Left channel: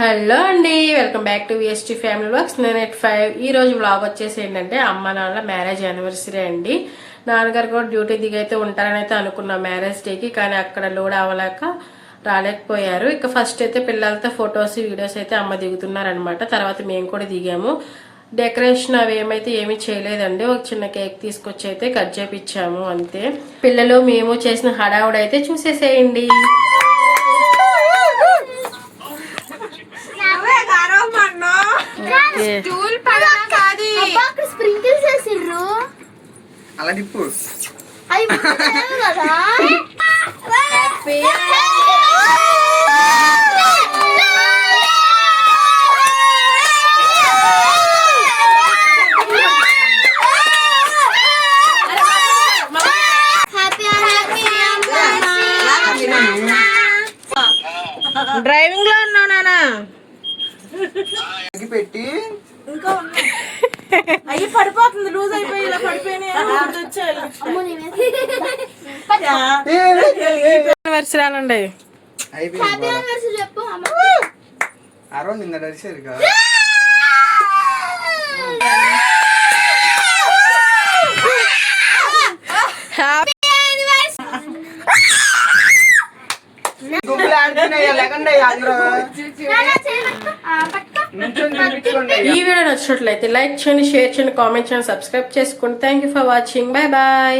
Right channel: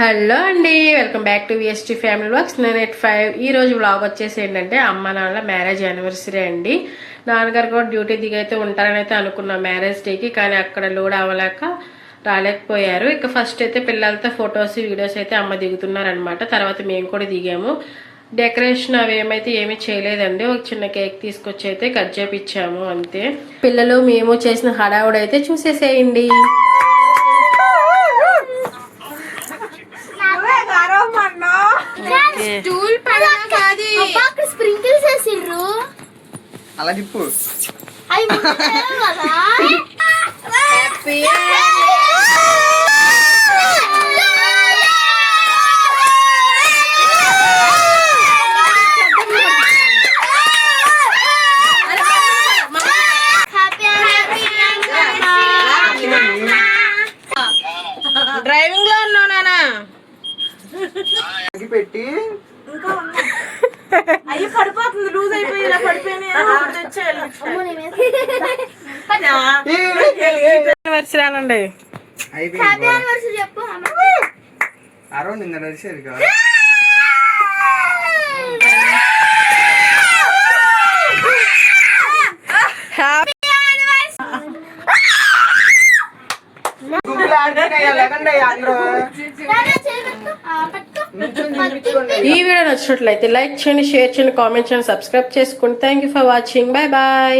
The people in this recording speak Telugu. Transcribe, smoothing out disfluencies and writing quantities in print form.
హలో అండి, welcome back to VST family vlogs. నేను 5 ఈ రోజు వ్లాగ్ వచ్చేసి ఏంటంటే అమ్మ నాన్నల మ్యారేజ్ యానివర్సరీ అండి. నాన్నగారు కూడా డ్యూటీ దిగైతే ఉంటారని అయితే అనుకున్నాం మ్యారేజ్ డేకి, కానీ అక్కడ లోడ్ అవ్వలేక రాలేకపోయారు. ఇక ఫస్ట్ అయితే పిల్లలతో ఫొటోస్ వీడియోస్ అయితే అమ్మ దిగుతున్నారనమాట. తర్వాత మేము కూడా దిగాము. డెకరేషన్ అవి ఏమీ చేయలేదండి. ఒక చిన్న కేక్ తీసుకొచ్చి అయితే కట్ చేపించాము అంతే. పిల్లలు మేము చేసిన హడావుడు అయితే చూసేసేయండి. అలా తిప్పు. డ్రైవింగ్ లో ఉన్నావు నానా పెట్టి ఇంకా అయ్యి పడిపోతుంది, లూజ్ అయిపోయి ఇలా పడిపోయాను. అరౌండ్ ఇంత నడిచేది కదా. ఈ వీడియో నచ్చినట్లయితే లైక్ చేయండి, షేర్ చేయండి, కామెంట్ చేయండి, సబ్స్క్రైబ్ చేసుకోండి. Thank you for watching. Bye bye.